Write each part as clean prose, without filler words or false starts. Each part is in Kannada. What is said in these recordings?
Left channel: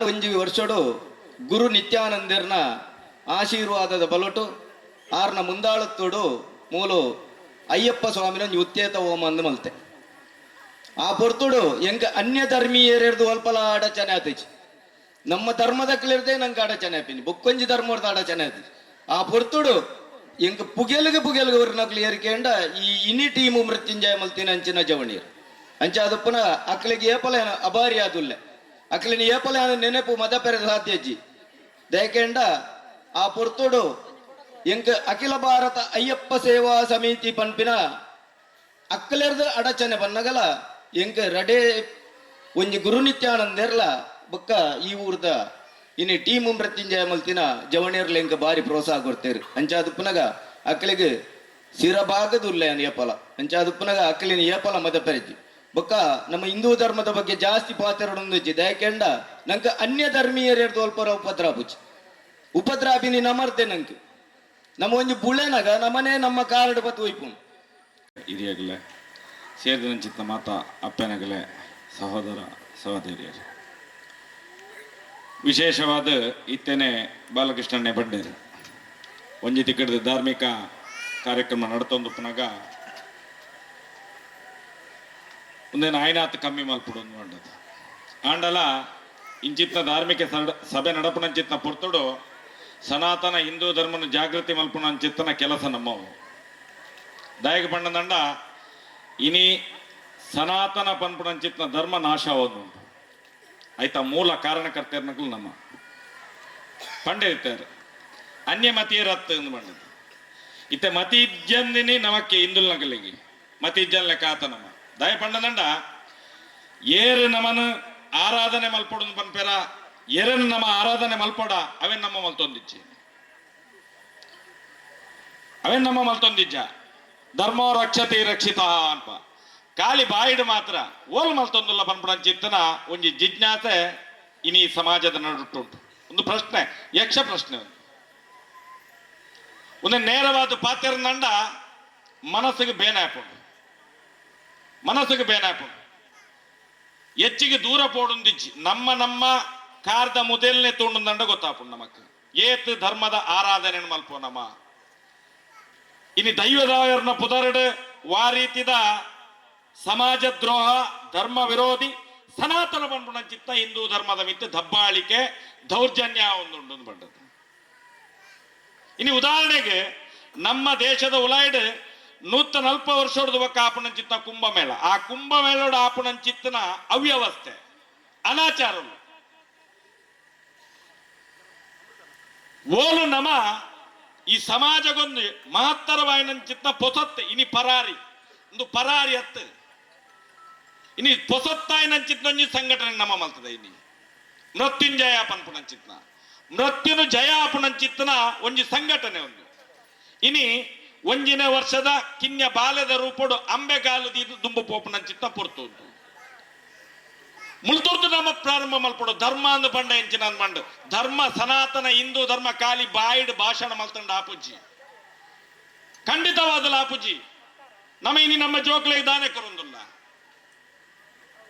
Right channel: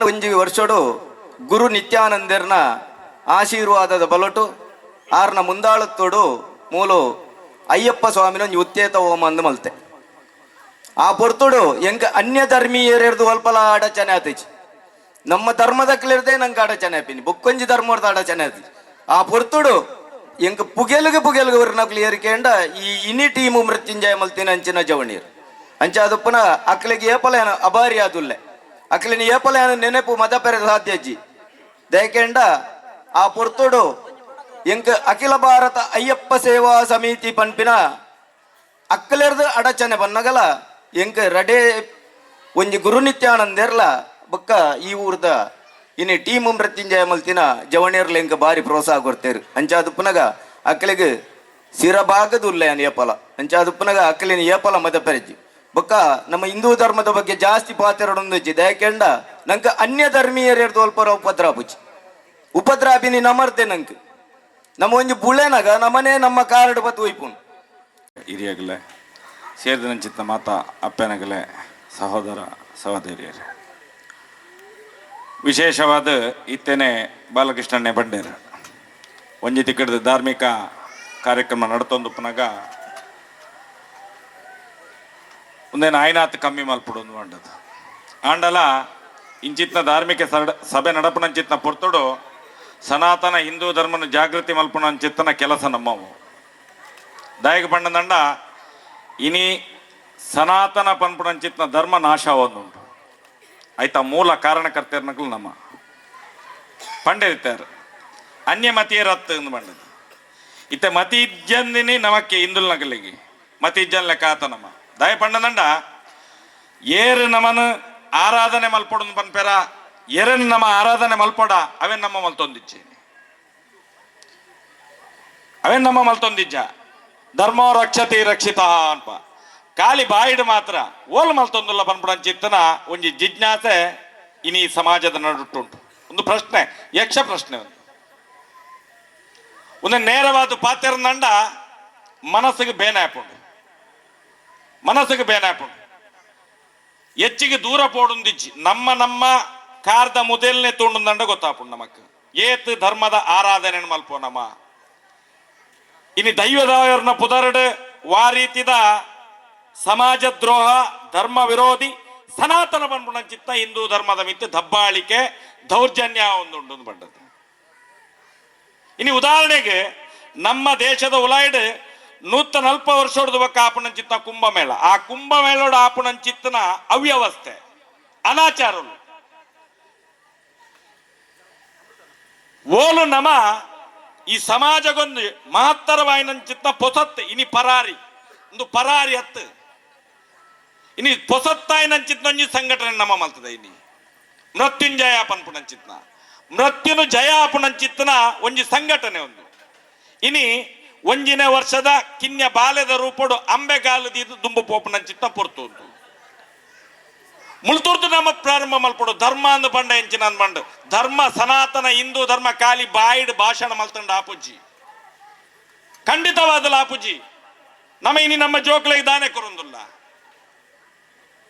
ಒಂಜಿ ವರ್ಷಡು ಗುರು ನಿತ್ಯಾನಂದರ್ನ ಆಶೀರ್ವಾದದ ಬಲಟು ಆರ್ನ ಮುಂದಾಳತ್ತೋಡು ಮೂಲು ಅಯ್ಯಪ್ಪ ಸ್ವಾಮಿನ ಒಂಜಿ ಉತ್ತೇತ ಹೋಮ ಅಂದು ಮಲ್ತೆ ಆ ಪೊರ್ತುಡು ಎಂಕ ಅನ್ಯ ಧರ್ಮೀಯರೆರ್ದು ಅಲ್ಪಲ ಆಡಚನೆ ಆತಿಜಿ ನಮ್ಮ ಧರ್ಮದಕ್ಲಿರ್ದೆ ನಂಗೆ ಆಡಚನೆ ಆಪಿನಿ ಬೊಕ್ಕೊಂಜಿ ಧರ್ಮದ ಆಡಚನೆ ಆತಿಜಿ ಆ ಪೊರ್ತುಡು ಎಂಕ ಪುಗೆಲ್ಗೆ ವರ್ನಕ್ಲಿ ಏರಿಕೆಂಡ ಈ ಇನಿ ಟೀಮು ಮೃತ್ಯುಂಜಯ ಮಲ್ತಿನ ಅಂಚಿನ ಜವಣೀರು ಅಂಚ ಅದಪ್ಪನ ಅಕ್ಲಿಗೆ ಏಪಲ ಅಭಾರಿ ಆದುಲ್ಲೆ ಅಕ್ಲಿನ ಏಪಲ ನೆನಪು ಮತ ಪೆರೆ ಸಾಧ್ಯಜ್ಜಿ ದಯಕೆಂಡ ಆ ಪೊರ್ತುಡು ಎಂಕ ಅಖಿಲ ಭಾರತ ಅಯ್ಯಪ್ಪ ಸೇವಾ ಸಮಿತಿ ಪನ್ಪಿನ ಅಕ್ಕಲೆರ್ದು ಅಡಚನೆ ಬನ್ನಗಲ ಎಂಕ ರಡೇ ಒಂಜಿ ಗುರು ನಿತ್ಯಾನಂದೆರ್ಲ ಬೊಕ್ಕ ಈ ಊರ್ದ ಇನ್ನು ಟೀಮ್ ಮೃತ್ಯುಂಜಯ ಮಲ್ತಿನ ಜವಣಿಯರ್ಲ ಎಂಕ ಬಾರಿ ಪ್ರೋತ್ಸಾಹ ಕೊಡ್ತೇರು ಅಂಚಾದುಪ್ಪನಗ ಅಕ್ಕಲಿಗೆ ಸಿರಭಾಗದ ಉಲ್ಲೆಯನ್ ಏಪಲ ಅಂಚಾದುಪ್ಪನಗ ಅಕ್ಕಲಿನ ಏಪಲ ಮತ ಪೆರಜ್ಜಿ ಬೊಕ್ಕ ನಮ್ಮ ಹಿಂದೂ ಧರ್ಮದ ಬಗ್ಗೆ ಜಾಸ್ತಿ ಪಾತ್ರಡೊಂದುಜ್ಜಿ ದಯಕೆಂಡ ನಂಕ ಅನ್ಯ ಧರ್ಮೀಯರೆರ್ದು ಅಲ್ಪರ ಉಪದ್ರಾಪಿನಿ ನಮರ್ತೆ ನಂಗೆ ನಮ್ಮ ಒಂಜಿ ಬುಳೆನಗ ನಮ್ಮನೆ ನಮ್ಮ ಕಾರ್ಡ್ ಬತ್ತು ಒಯ್ಪುಂಡು ಹಿರಿಯಗಲೇ ಸೇರಿದಂಚಿತ್ತ ಮಾತ ಅಪ್ಪನಗಲೇ ಸಹೋದರ ಸಹೋದರಿಯರು ವಿಶೇಷವಾದ ಇತ್ತೇನೆ ಬಾಲಕೃಷ್ಣನ್ನೇ ಬಂಡೇರು ಒಂಜಿ ತಿಕ್ಕಡದ ಧಾರ್ಮಿಕ ಕಾರ್ಯಕ್ರಮ ನಡತೊಂದು ಪುನಗ ಒಂದೇನು ಆಯ್ನಾತ್ ಕಮ್ಮಿ ಮಲ್ಪುಡು ಮಂಡದು ಆಂಡಲ ಇಂಚಿತ್ನ ಧಾರ್ಮಿಕ ಸಭೆ ನಡಪನಂಚಿತ್ನ ಪೊರ್ತುಡು ಸನಾತನ ಹಿಂದೂ ಧರ್ಮನ ಜಾಗೃತಿ ಮಲ್ಪನಂಚಿತ್ತನ ಕೆಲಸ ನಮ್ಮವು ದಾಯಕ ಪಂಡದಂಡ ಇನಿ ಸನಾತನ ಪನ್ಪುನಂಚಿತ್ನ ಧರ್ಮ ನಾಶ ಆವೊಂದುಂಟು ಆಯ್ತಾ ಮೂಲ ಕಾರಣಕರ್ತರ್ನಗಳು ನಮ್ಮ ಪಂಡಿತಾರು ಅನ್ಯ ಮತೀಯರತ್ತು ಎಂದು ಬಂಡದು ಇತ್ತ ಮತಿ ಇಜ್ಜಂದಿನಿ ನಮಕ್ಕೆ ಹಿಂದುಲ್ ನಗಲಿಗೆ ಮತಿ ಇಜ್ಜನ್ ಲೆಕ್ಕ ಆತ ನಮ್ಮ ದಯ ಪಂಡದಂಡ ಏರು ನಮನು ಆರಾಧನೆ ಮಲ್ಪೊಡು ಪನ್ಪೆರ ಎರನ್ ನಮ್ಮ ಆರಾಧನೆ ಮಲ್ಪೊಡ ಅವೇನ್ ನಮ್ಮ ಮಲ್ತೊಂದಿಜ್ಜಿ ಅವೇನ್ ನಮ್ಮ ಮಲ್ತೊಂದಿಜ್ಜ ಧರ್ಮೋ ರಕ್ಷತಿ ರಕ್ಷಿತ ಅನ್ಪ ಖಾಲಿ ಬಾಯಿಡ್ ಮಾತ್ರ ಓಲ್ ಮಲ್ತೊಂದುಲ್ಲ ಪನ್ಪುಡಂಚಿತ್ತನ ಒಂಜಿ ಜಿಜ್ಞಾಸೆ ಇನಿ ಸಮಾಜದ ನಡುಟ್ಟುಂಟು ಒಂದು ಪ್ರಶ್ನೆ ಯಕ್ಷ ಪ್ರಶ್ನೆ ಒಂದು ನೇರವಾದ ಪಾತ್ರಂದಂಡ ಮನಸ್ಸಿಗೆ ಬೇನಾಪುಂಡು ಹೆಚ್ಚಿಗೆ ದೂರ ಪೋಡುಂದಿಜ್ಜಿ ನಮ್ಮ ಕಾರ್ದ ಮೊದಲನೇ ತೋಂಡುಂದಂಡ ಗೊತ್ತಾಪುಂಡು ನಮಕ್ ಏತ್ ಧರ್ಮದ ಆರಾಧನೆ ಮಲ್ಪೋ ನಮ್ಮ ಇನಿ ದೈವದಾಯರ್ನ ಪುದರಡು ವಾ ರೀತಿದ ಸಮಾಜ ದ್ರೋಹ ಧರ್ಮ ವಿರೋಧಿ ಸನಾತನ ಬಂದ್ಬಿಡಂಚಿತ್ತ ಹಿಂದೂ ಧರ್ಮದ ಮಿತ್ತು ದಬ್ಬಾಳಿಕೆ ದೌರ್ಜನ್ಯ ಒಂದು ಬಂದದ್ದು ಇನಿ ಉದಾಹರಣೆಗೆ ನಮ್ಮ ದೇಶದ ಉಲಾಯ್ಡ್ 140 ವರ್ಷದ ಬಕ್ಕ ಆಪಣಂಚಿತ್ತ ಕುಂಭಮೇಳ ಆ ಕುಂಭಮೇಳೋಡ ಆಪಣಂಚಿತ್ತನ ಅವ್ಯವಸ್ಥೆ ಅನಾಚಾರಗಳು ಓಲು ನಮ ಈ ಸಮಾಜಗೊಂದು ಮಹತ್ತರವಾಯಿನಂಚಿತ್ತ ಪೊಸತ್ ಇನಿ ಪರಾರಿ ಹತ್ತು ಇನಿ ಪೊಸತ್ತಾಯಿನಂಚಿತ್ನೊಂಜಿ ಸಂಘಟನೆ ನಮ್ಮ ಮಲ್ತದ ಇನಿ ಮೃತ್ಯುಂಜಯ ಪನ್ಪುನಂಚಿತ್ನ ಮೃತ್ಯುನು ಜಯ ಆಪಣಂಚಿತ್ತನ ಒಂಜಿ ಸಂಘಟನೆ ಒಂದು ಇನಿ ಒಂಜಿನ ವರ್ಷದ ಕಿನ್ಯ ಬಾಲ್ಯದ ರೂಪಡು ಅಂಬೆಗಾಲದಿದ್ದು ದುಂಬು ಪೋಪನಂಚಿತ್ತ ಪೊರ್ತು ಉಂಟು ಮುಳ್ತುರ್ದು ನಮ್ಮ ಪ್ರಾರಂಭ ಮಲ್ಪಡು ಧರ್ಮ ಅಂದು ಬಂಡ ಎಂಚಿನ ಅಂದ್ಬಂಡು ಧರ್ಮ ಸನಾತನ ಹಿಂದೂ ಧರ್ಮ ಖಾಲಿ ಬಾಯಿಡ್ ಭಾಷಣ ಮಲ್ತಂಡ ಆಪುಜಿ ಖಂಡಿತವಾದಲ್ಲ ಆಪುಜಿ ನಮ್ಮ ಜೋಕ್ಲೆಗೆ ದಾನೆ ಕೊರೊಂದುಲ್ಲ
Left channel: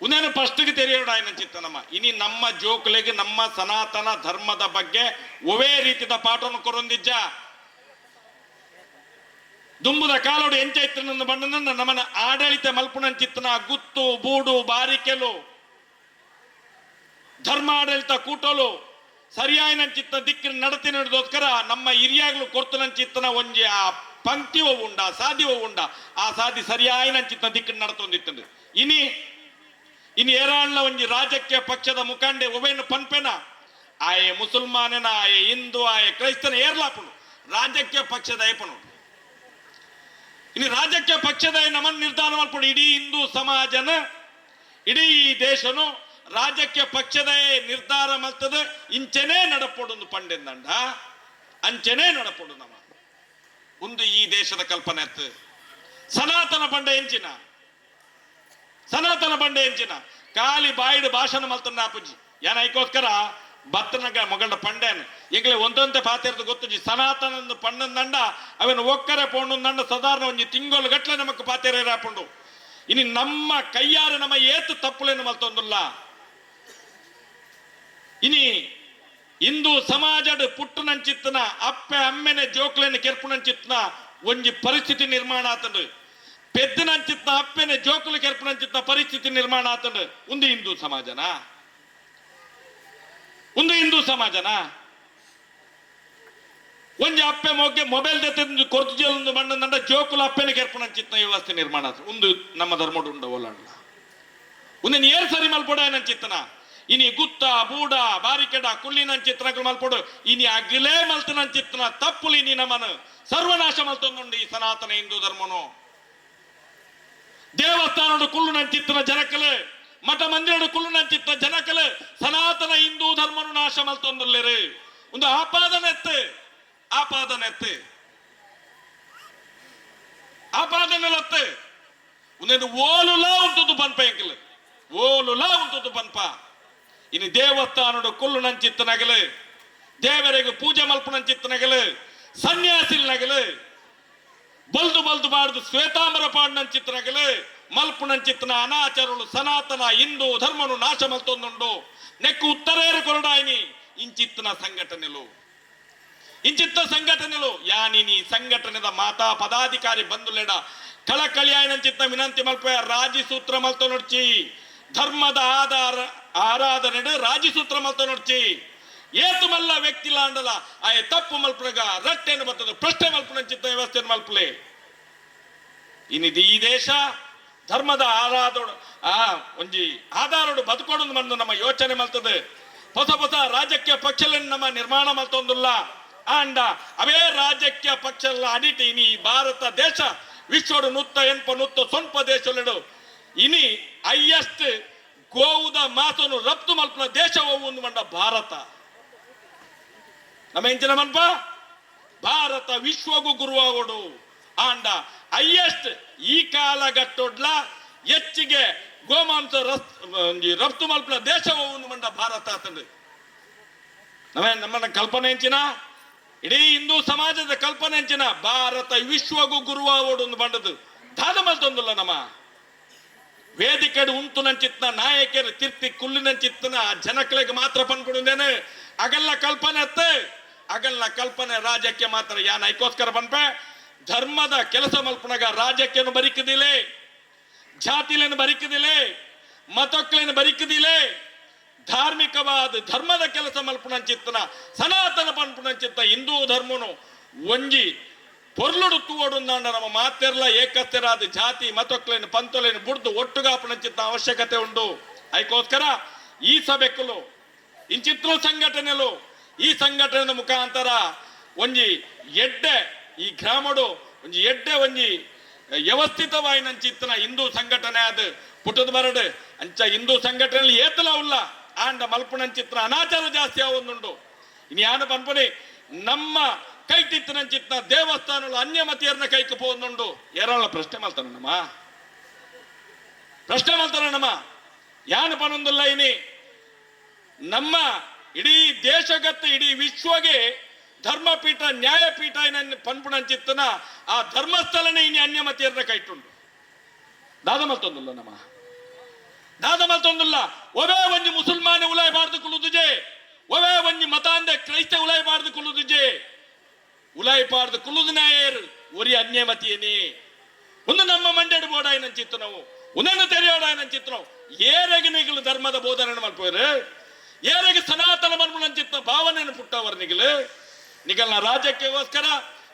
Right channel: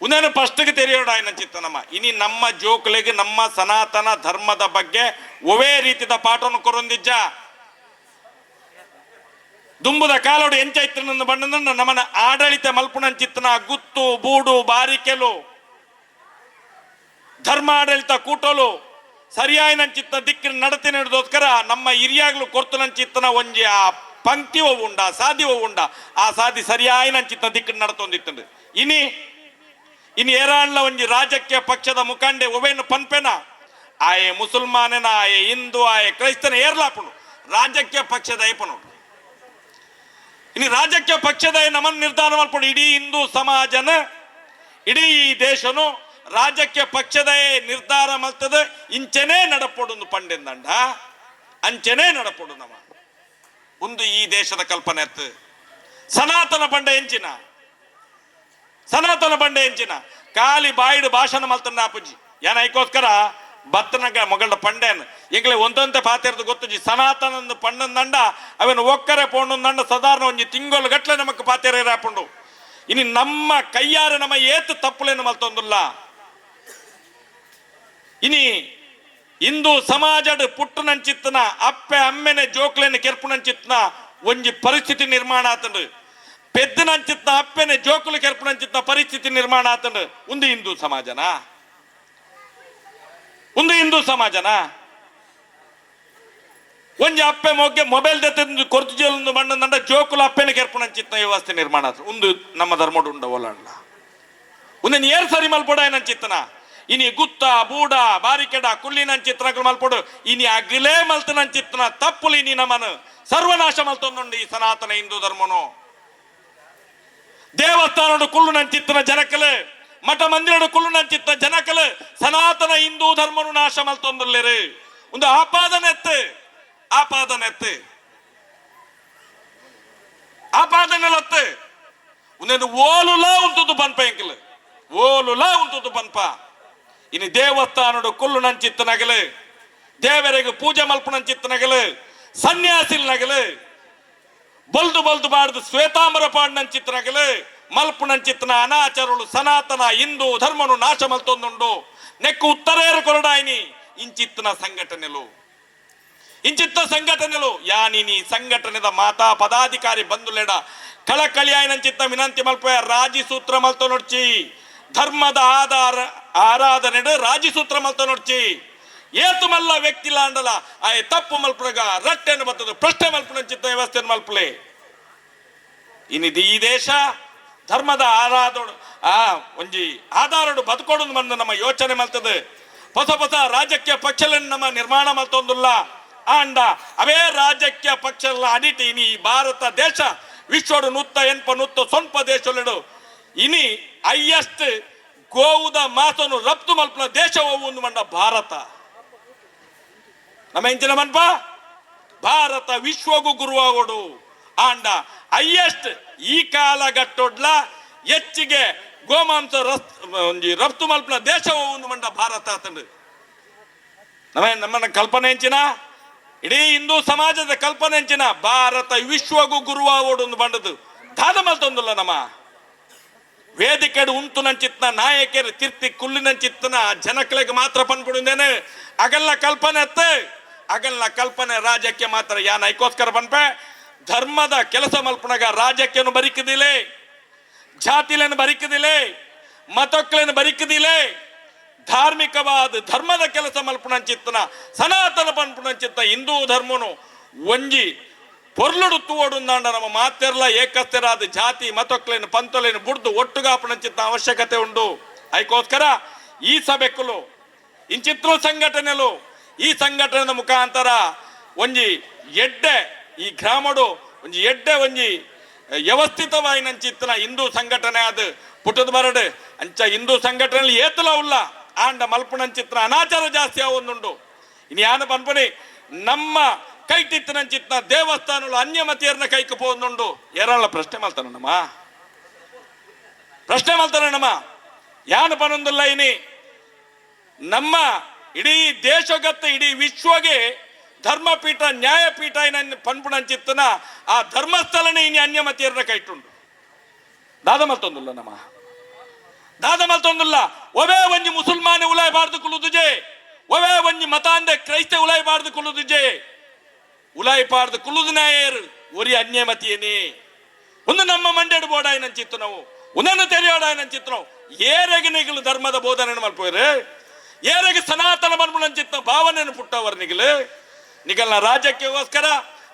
ಉನೇನು ಫಸ್ಟ್ಗೆ ತೆರೆಯೋಡಾಯನ ಚಿತ್ತ ಇನಿ ನಮ್ಮ ಜೋಕ್ಲೆಗೆ ನಮ್ಮ ಸನಾತನ ಧರ್ಮದ ಬಗ್ಗೆ ಒವೇ ರೀತಿದ ಪಾಠವನ್ನು ಕೊರೊಂದಿಜ್ಜ ದುಂಬುದ ಕಾಲೋಡು ಎಂಚೈತ್ರನನ್ನು ಬಂಡ ನಮ್ಮನ ಆಡಳಿತ ಮಲ್ಪುನಂಚಿತ್ತನ ಗುತ್ತು ಬೂಡು ಬಾರಿಕೆಲು ಧರ್ಮ ಆಡಳಿತ ಕೂಟಲು ಸರಿಯಾಯಿನಂಚಿತ್ತ ದಿಕ್ಕಿನ ನಡತೆ ನಡೆದೋಸ್ಕರ ನಮ್ಮ ಹಿರಿಯಾಗ್ಲು ಕೊರ್ತನಂಚಿತ್ತನ ಒಂಜಿ ಆ ಪಂಕ್ತಿ ಉಂಡ ಸಾದಿ ಉಂಡ ಆ ಸಾದಿ ಸರಿಯಾಯಿನಂಚಿತ್ತ ದಿಕ್ಕಿನ ನಡತೊಂದಿತ್ತಂಡು ಇನಿ ಏರಾಣ್ಲ ಒಂಜಿ ರಾಜಕೀಯ ಪಕ್ಷದ ಮುಖಂಡೆ ಒವೇನು ಪನ್ಪೆನ ಆಯೆ ಮುಸಲ್ಮಾನನ ಆಯೆ ಹಿಂದೂ ಆಯೆ ಕ್ರೈಸ್ತನ ಏರ್ಲಾಪುನು ರಾಜಕೀಯ ಪಕ್ಷದ ಏಪನು ಇನಿ ರಾಜಕೀಯ ಪಕ್ಷದ ನಮನ್ ನಿರ್ಧಾರ ಮಾಡ್ಕೊಂಡು ಇಡೀ ಹಿಂದೂ ಸಮಾಜನ ಇಡೀ ದೇಶನು ರಾಜಕೀಯ ಪಕ್ಷದ ನಿರ್ಧಾರ ಮಲ್ತದ ಇಂಚೆನೇ ನಡಪೊಡು ಪಂಡೆಂದಂಡ ಅಂಚೆನೇ ನಡಪೊಡು ನಮ್ಮ ಒಂದು ಈ ದೇಶದ ಕಲ್ಪನೆ ಅತ್ತು ಸನಾತನ ಬಂಡೆ ಎಂಚಿನ ಖಾಲಿ ಬಾಯಿಡು ಭಾಷಣ ಮಲ್ತಂಡ ಆಪುಜಿ ಏನೈಕೋಸ್ಕರ ಬತ್ತನಗ ಮೊಗಲ್ಡ ಪಂಡೇನು ಈಗಲೇ ಒಂದೊಂದೇ ಪಾತಿರ್ದು ಗೊತ್ತಜಿ ಸನಾತನಂದು ಪಂಡಂದಂಡ ಅವನು ಒಕ್ಕರೆ ಪೋಂಡಂದಂಡ ಸಾಧಾರಣ ಒಂಜಿ ತಿಂಗಳು ಗಟ್ಲೆ ನಮಕ್ ಪಾತಿರ ರಾಪುಂಡು ಇನಿ ನಮ್ಮ ಕೈಯಾರೆ ನಮ್ಮ ಏತು ತಪ್ಪುಲೇನು ಮಲ್ತೊಂದುಲ್ಲ ಇನಿ ಹಿಂದೂ ಸಮಾಜದ ಪುಟ್ಟನಂಚಿತ್ತನ ಅಪ್ಪೆ ಅಮ್ಮೆನೆ ಜೋಕ್ಲೆನ ಕೆರ್ಪುನಂಚಿತ್ತನ ಒಂಜಿ ಪರಿಸ್ಥಿತಿ ನಿರ್ಮಾಣ ಆತಂಡು ಪೆದ್ದನಂಚಿತ್ತ ಅಪ್ಪೆನೆ ಜೋಕುಲು ಕೆರ್ಪುನಂಚಿತ್ತ ಪರಿಸ್ಥಿತಿ ನಿರ್ಮಾಣ ಆತಂಡು ಒಂದು ಹಿಂದೂ ಸಮಾಜನಾ ಒಂಜಿ ಅಪ್ಪೆ ಮೊಗ್ಗೆ ಮೊಬೈಲ್ ದೆತ್ತ ಕೊರ್ತು ಜೇಲು ಬಂಡ ಜೋಕುಲು ಅಪ್ಪೆನೆ ಕೆರ್ಪುನಂಚಿತ್ತ ವ್ಯವಸ್ಥೆ ನಿರ್ಮಾಣ ಆತ ಒಂದು ನಮ್ಮ ಧರ್ಮಡು ಉಂಡ ಒಲಂಡ ಉಂದೆನ್ ಏರ್ ಸರಿ ಮಲ್ಪೊಡ ಏನಂಚಿತ್ತನ ಇನಿ ಗುತ್ತ ಬೂಡ ಬಾರಿಕೆಡ ಕುಳ್ಳಿನ ಚಿತ್ರಗಳು ಮಲ್ಪೊಡು ಇನಿ ಅಗ್ಲೇ ಮಲ್ತನ ಚಿತ್ರನ ತಪ್ಪುಲಿ ಇನಿ ನಮ್ಮನು ಸರ್ವನಾಶ ಮಲ್ತೊಂದುಂಡು ಈ ಸನಾತನ ಹಿಂದೂ ಧರ್ಮನು ದೇವಸ್ಥಾನಡು ಕುಳ್ಳು ನಂಚಿತ್ತನ ಜನಕಲು ಮಠ ಮಂದಿರಡು ಕುಳ್ಳು ನಂಚಿತ್ತ ಜನಕಲು ಸನಾತನ ಹಿಂದೂ ಧರ್ಮನು ನಾಶ ಮಲ್ತೊಂದುಲ್ಲೇರು ಒಂದು ಆಪಾದನೆತ್ತು ಆಪಾದನೆಲತ್ತು ಒಂದೊಂದು ಓಲುಲಾ ಉಂಟುದು ಪನ್ಪ ಎಂಕಲು ಓಲುಲಾ ಉಂಟುದು ಪನ್ಪ ಇನ್ನು ದೇವಸ್ಥಾನಡು ಕುಲ್ಲು ನಂಚಿತ್ತ ನಗಲು ದೇವರಿಗೆ ಪೂಜೆ ಮಲ್ಪು ನಂಚಿತ್ತ ನಗಲು ಸನ್ಯಾಸಿಲ್ ನಗಲು ಬಲ್ದು ಬಾಡ್ದು ಶ್ವೇತಾಂಬರ ಪಾಡ್ ನಂಚಿತ್ತ ನಗಲು ಮಲ್ಪು ನಂಚಿತ್ತನ ಅನಾಚಾರಗಳು ಸನಾತನ ಹಿಂದೂ ಧರ್ಮನು ನಾಶ ಮಲ್ತೊಂದುಂಡು ನೆಕ್ಕು ಉತ್ತರೇರು ಕೊರಡಾಯಿನಿ ಇಂಚಿತ್ತನ ಸಂಘಟನೆಲು ಯಾನಿನಿ ಸಂಘಟನೆದ ಮಾತಾ ಪದಾಧಿಕಾರಿ ಬಂಧುಲೆಡ ಕಳಕಳಿಯಾಯಿನಂಚಿತ್ತ ವಿನಂತಿ ಮಲ್ಪೆ ರಾಜಿ ಸೂತ್ರ ಮಲ್ತೊ ನೋಡ್ಚಿ ಧರ್ಮದ ಆರಾಧನೆ ರಾಜಿ ಸೂತ್ರ ಮಲ್ತ ನೋಡ್ಚಿ ಏತು ಮಲ್ಲ ವ್ಯಕ್ತಿ ಲಾಂಡಲ ಆಯ್ ತಪ್ಪು ಮಲ್ಪುರಗ ರಟ್ಟೆನು ಬರ್ತದೆ ಪ್ರಶ್ನೆ ಮಲ್ಪುನ ಚಿತ್ತ ವ್ಯವಸ್ಥೆ ಮಲ್ಪಲೆ ಇನ್ನಿದು ಈ ದೇಶ ಧರ್ಮದ ಒಂಜಿ ಆಧಾರಡು ಬದುಕೋಡು ಬಂದು ನಮ್ಮ ಯೋಚನೆ ಮಲ್ತದೆ ಹೊಸ ರಾಜಕೀಯ ಪಕ್ಷಗಳನ್ನು ನಮ್ಮ ನಿರ್ಮಾಣ ಮಲ್ತೊಂದುಲ್ಲ ಆಂಡ ಅವೇ ರಾಜಕೀಯ ಪಕ್ಷಗಳ ಅಡಿಟಿ ಇನಿ ಈ ಭಾರತ ದೇಶ ವಿಶ್ವಡು ನುತ್ತ ಸ್ವಲ್ಪ ದೇಶಲೆಡು ಇನಿ ಹೈಯೆಸ್ಟ್ ಗೋವುದ ಮಾತನ್ನು ರಫ್ತು ಮಲ್ಪನ ದೇಶ ಹೋಗುವುದು ಮಂಡ ಭಾರತ ನಮ್ಮ ಎಂಚಿನ ಮನ್ಪ ಭಾರತ ವಿಶ್ವಗೂ ಗುರುವಾಗೋಡು ಆಂಡ ಹೈಯೆಸ್ಟ್ ಈ ಕಾಲಘಟ್ಟೊಡ್ಲ ಹೆಚ್ಚಿಗೆ ಗೋಮಾಂಸ ರಫ್ತು ಮಲ್ಪನ ದೇಶ ಹೋಗುವುದು ಮಂಡ ಭಾರತ ಅಂತಂದು ನಮ್ಮನ್ನ ಕಲ್ಪನೆ ಹೆಂಚಿನ ಇಡೀ ಹಿಂದೂ ಸಮಾಜದ ಕಲ್ಪನೆ ಹೆಂಚಿನ ಭಾರತ ವಿಶ್ವಗೂ ಗುರುವಾಗೋಡು ಒಂದು ಬಂಡದು ದಾದ ಮಲ್ತೊಂದಿಲ್ಲ ನಮ್ಮ ವೇದಿಕೆಡು ಉಂಟು ನಂಚಿತ್ನ ನಾಯಕರು ಕಿರ್ತಿ ಕುಳ್ಳಿನ ಚಿತ್ತನ ಜನಗಳಿಗೆ ಮಾತ್ರ ಪನ್ಬಿಡುಂದೇನೆ ಅಗಲ್ಲ ಕಲ್ಪನೆ ರಾಜ್ಯಕ್ಕೆ ಮಾತ್ರ ಯಾನ್ ಐಕೋಸ್ಕರ ಪನ್ಪೆ ಧರ್ಮದ ಕೆಲಸ ಮಲ್ಪನಾಗ ರಾಜ್ಯಕ್ಕೇನು ಬರಿಕದಿಲೆ ಜಾತಿಲೇನು ಬರಿಕದಿಲೆ ಮತಕ್ಕಳೇನು ಬರಿಕದಿಲೆ ಧಾರ್ಮಿಕವಾದ ಧರ್ಮದ ಕೆಲಸ ಮಲ್ಪನಂಚಿತ್ತನ ಸನಾತನ ಪನ್ಪುನಂಚಿತ್ತ ಹಿಂದೂ ಧರ್ಮನು ಒಂಜಿ ಪೊರ್ಲುಡು ತೂವಡುಂದಾಂಡ ನಮ್ಮ ಮಾತೆರ್ಲ ಏಕಸ್ಥೆರಾದ ಜಾತಿ ಮತೊಕ್ಲೇನು ಪಂತೊಲೇನು ಬುಡ್ದು ಒಟ್ಟುಗಾಪನಂಚಿತ್ತ ಅವಶ್ಯಕತೆ ಉಂಡು ಅದಕ್ಕೋಸ್ಕರ ಈ ಸಭೆಕ್ಕಲು ಇಂಚಿತ್ರ ಸಂಘಟನೆಲು ಈ ಸಂಘಟನೆ ಮುಖಾಂತರ ಒಂಜಿ ಎಡ್ಡೆ ಈ ಗ್ರಾಮಡು ಒಂಜಿ ಎಡ್ಡೆ ಒಂಜಿ ವ್ಯವಸ್ಥಿತವಾಗಿ ನಂಚಿತ್ತನ ಹಿಂದೂ ಸಂಘಟನೆ ಅದು ಪುಟ್ಟದ ಬರಡು ಅಂಚ ಹಿಂದೂ ಸಂಘಟನೆಯಲ್ಲಿ ಏತಲ ಉಲ್ಲ ಆಂಡ ಮಲ್ಪನಂಚಿತ್ರ ಅನಾಚಾರ ಜಾಸ್ತಿ ಆವೊಂದುಂಡು ಇನ್ನು ಯಾನು ಪನ್ಪನಿ ನಮ್ಮ ಕೈಟಿತ್ತಿನಂಚಿತ್ನ ದೇವಸ್ಥಾನಗಳು ಅನ್ಯಮತಿಯರ್ನ ಕೈക്ക് പോകുന്നുണ്ട് ಏರಳ ಪ್ರಶ್ನೆ ಮಾಡ್ತಾನಮ್ಮ ಯಾನು ಪನೊಂದಿಲ್ಲ ಇನಿ ನಮ್ಮ ಇಡೀ ದೇಶಗತ್ತ ಇಡೀ ವಿಶ್ವಗೆ ಧರ್ಮಪೀಠ ನ್ಯಾಯಪೀಠ ಪನ್ಪುನಂಚಿತ್ತನ ಆ ಧರ್ಮಸ್ಥಳನೇ ಇನಿ ಅನ್ಯಮತಿಯರ್ನ ಕೈಟುಂಡು ದಾದ ಮಲ್ತೊಂದಿಲ್ಲ ಒವೇ ಒಂಜಿ ಮುಸಲ್ಮಾನೆ ಉಲಾಯಬಾರ್ದು ಕುಲುದುಜೆ ಒವೇ ಒಂಜಿ ಮತಾಂದೆ ಕ್ರೈಸ್ತ ಉಲಾಯಬಾರ್ದು ಕುಲುದುಜೆ ಉಲಾಯಿಪಾರ್ದು ಕುಲುದಿನಾಯರು ಒರಿ ಅನ್ಯಮತಿಯೇನೆ ಒಂದು ನಮ್ಮ ಮಂಡ್ಯಡು ಬೋಡಾಯಿನ ಚಿತ್ತು ನಾವು ಒಂದನ್ನು ತೆರೆಯೋಡಾಯಿನ ಚಿತ್ತು ನಾವು ಏರೆಗೆ ನಿಗಲು ಧರ್ಮದ ಬೋಧನೆ ಮಲ್ಪೋಯ್ರೆ ಏರೆಗೆ ಸನಾತನ ಮನ್ಮುನ ಚಿತ್ತ ಭಾವನೆಯನ್ನು ಪುಟ್ಟವರು ನಿಗಲ್ನ ರಾಜ್ಯಕ್ಕೋಸ್ಕರ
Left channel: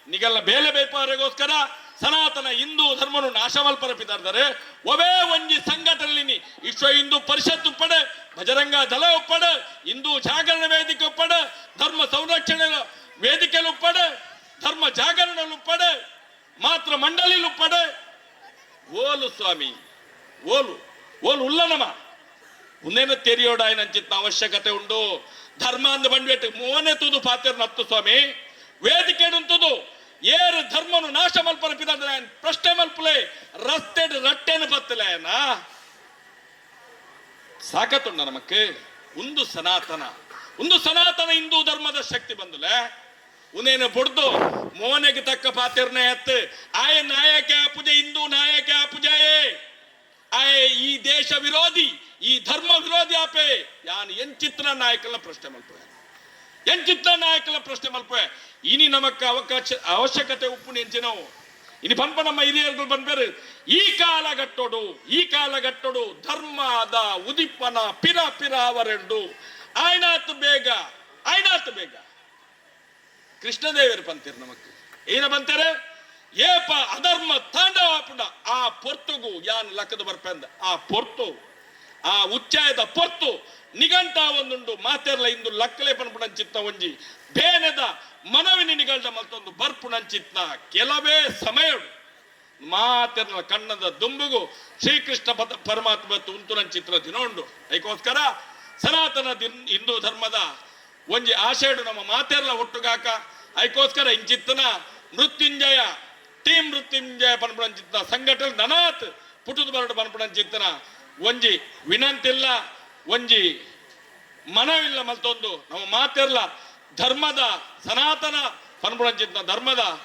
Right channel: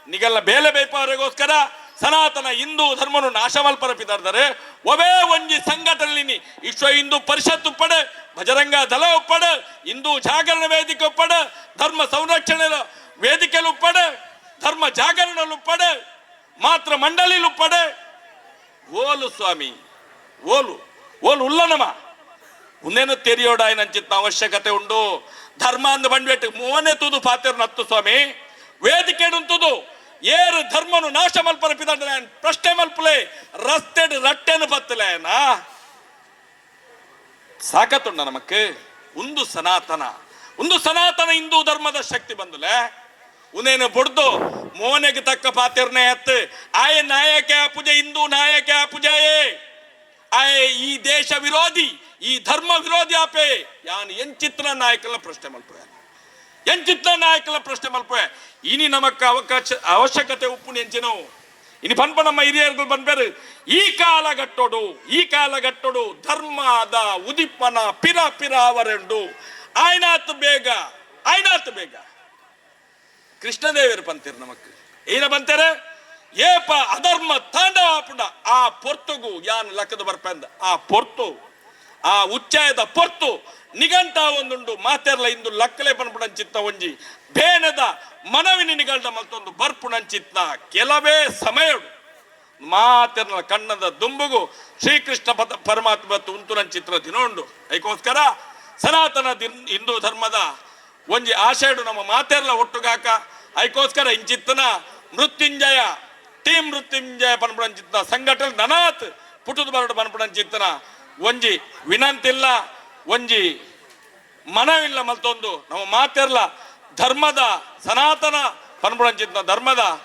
ನಿಗಲ್ನ ಬೇಲೆ ಬೇಯ್ಪವರಿಗೋಸ್ಕರ ಸನಾತನ ಹಿಂದೂ ಧರ್ಮನು ನಾಶ ಮಲ್ಪರಪಿದ್ದಾರೆ ಒವೇ ಒಂಜಿ ಸಂಘಟನೆ ವಿಶ್ವ ಹಿಂದೂ ಪರಿಷತ್ ಉಪ್ಪಡೆ ಬಜರಂಗ ದಳ ಉಪ್ಪಡೆ ಹಿಂದೂ ಜಾಗರಣ ವೇದಿಕೆ ಉಪ್ಪಡೆ ಧರ್ಮ ಸಂರಕ್ಷಣೆ ವೇದಿಕೆಲು ಉಪ್ಪಡೆ ಧರ್ಮ ಜಾಗರಣಲು ಉಪ್ಪಡೆ ಮಾತ್ರ ಮಂಡಳಿಲು ಉಪ್ಪಡೆ ಓಲು ಸ್ವಾಮಿ ಓಲು ಉಲ್ಲನಮ ಉನ್ನೇನು ತೆರೆಯೋಡಾಯಿನಂಚಿತ್ತ ಅವಶ್ಯಕತೆ ಉಂಡು ಧರ್ಮ ಅಂದು ಬಂಡ್ಬೇಟ್ಟು ಮೂವನೇ ತೂದು ಪಾತಿರ್ನ ಹತ್ತು ಸ್ವಾಮಿ ವೇದಿಕೆ ಉಂಟುದು ಏರು ಧರ್ಮನು ನಾಶ ಮಲ್ಪನ ಪಿದಾಡ ಪ್ರಶ್ನೆ ಮಲ್ಪಲೆ ರಸ್ತೆ ರಟ್ಟೆನು ಪತ್ತಲೇನ ಸಾಕತ್ತುಂಡ ನಮಕ್ ಒಂದು ಸನಾತನ ಹಿಂದೂ ಧರ್ಮದ ಶಕ್ತಿ ಬಂದಲೆ ಉನೇನು ಬುಡ್ದು ಮೋನೆಗೆ ತಕ್ಕ ಪಾತಿರ್ನೆ ಹತ್ತು ಆಯ ನಾಯಕ ಪೂಜೆ ಹಿಂದೂ ನಾಯಕ ಪೂಜೆಯೇ ಆಯ ಈ ದೇಶ ವಿರೋಧಿ ಈ ಧರ್ಮ ವಿರೋಧಿ ಆಪೆ ಯಾನ್ ಎಂಚಿತ್ರ ನಾಯಕಲ ಪ್ರಶ್ನೆ ಮಲ್ಪೆ ಎಂಚಿತ್ರ ನಾಯಕಲ ಪ್ರಶ್ನೆ ಮಲ್ಪೆ ಇನಿ ನಮಕ್ಕ ಅವಶ್ಯಕತೆ ಉಪ್ಪುನಿ ಎಂಚಿನೋ ಇನಿ ಪನ್ಪ ನಮ್ಮ ಹಿರಿಯರುಗಳು ಬಂದ್ಬೇರು ಈ ಕಾಲಘಟ್ಟೋಡು ಧರ್ಮದ ಉದಿಪ್ಪನ ಪಿರ ಅವರೆಂಡು ಆಯ್ನಾತ್ ಬೇಗ ಕೃಷ್ಣದೇವರು ಬಂತೀರು ನಮಕ್ ಏನ ಬಂತಾರೆ ಏಪ ಅಧರ್ಮ ತಾಂಡವಾಪುಡ ಆ ಪೊರ್ತುಗು ಯಾನ್ ಲೆಕ್ಕದ ಬರ್ಪಂದ ಆ ಪೊರ್ತು ಆ ಉಚ್ಚಾಯದ ಪೊರ್ತು ನಿಘಂಟ ಒಂದುಂಡು ಮಾತೆರ್ಲ ಇಂದು ಲಕ್ಕಲೆ ಪನ್ಪುಡಂಚಿತ್ತ ಒಂಜಿ ಬೇನೆದ ಮನವಿನ ನಿಗಂಡ ಮಲ್ತೊಂದು ಬರ್ಪುಣಂಚಿತ್ತ ಕೆಲವೇ ಸಮಯ ಮಾತೆರ್ನ ಕಣ್ಣದ ದುಂಬುಗು ಶ್ರೀಕೃಷ್ಣ ಪರಮಾತ್ಮ ಉಂತುನಂಚಿತ್ರ ದಿನೋಂಡು ಅದಕ್ಕೋಸ್ಕರ ಸನಾತನ ಹಿಂದೂ ಧರ್ಮದ ಒಂಜಿ ಆಶೆಡು ನಮ್ಮ ಮಾತೆರ್ಲ ಒಟ್ಟುಗಾಕ ಅದಕ್ಕೋಸ್ಕರ ಇಂಚಿತ್ತನ ಮೃತ್ಯುಂಜಯ ಟೀಮ್ ಮೃತ್ಯುಂಜಯ ಪನ್ಪುಡಂಚಿತ್ತ ಸಂಘಟನೆ ನನಾತ್ ಪುಟದ ಬರಡು ಪನ್ಪುಡಂಚಿತ್ತನ ಒಂಜಿ ವಿನಂತಿಲ್ಲ ಒಂಜಿ ಮನವಿಲ್ಲ ಮಲ್ತೊಂದು ನಮ್ಮ ಮಾತೆರ್ಲ ಧರ್ಮದ ಸನಾತನ ಪನ್ಪುಡಂಚಿತ್ತ ಧರ್ಮದ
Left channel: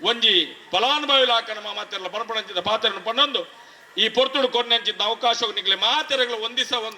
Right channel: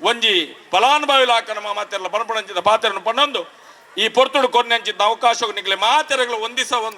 ಒಂಜಿ ಫಲಾನುಭವಿಲಾಕ ನಮ್ಮ ಮಾತೆರ್ಲ ಪನ್ಪುಡಂಚಿತ್ತ ಪಾತೆರನ್ನು ಪನ್ನೊಂದು ಈ ಪೊರ್ತುಡು ಕೊನೆಂಚಿತ್ತ ಅವಕಾಶ ನಿಗ್ಲೆ ಮಾತೆರೆಗಳು ಒಂದಿಸ ಒಂದು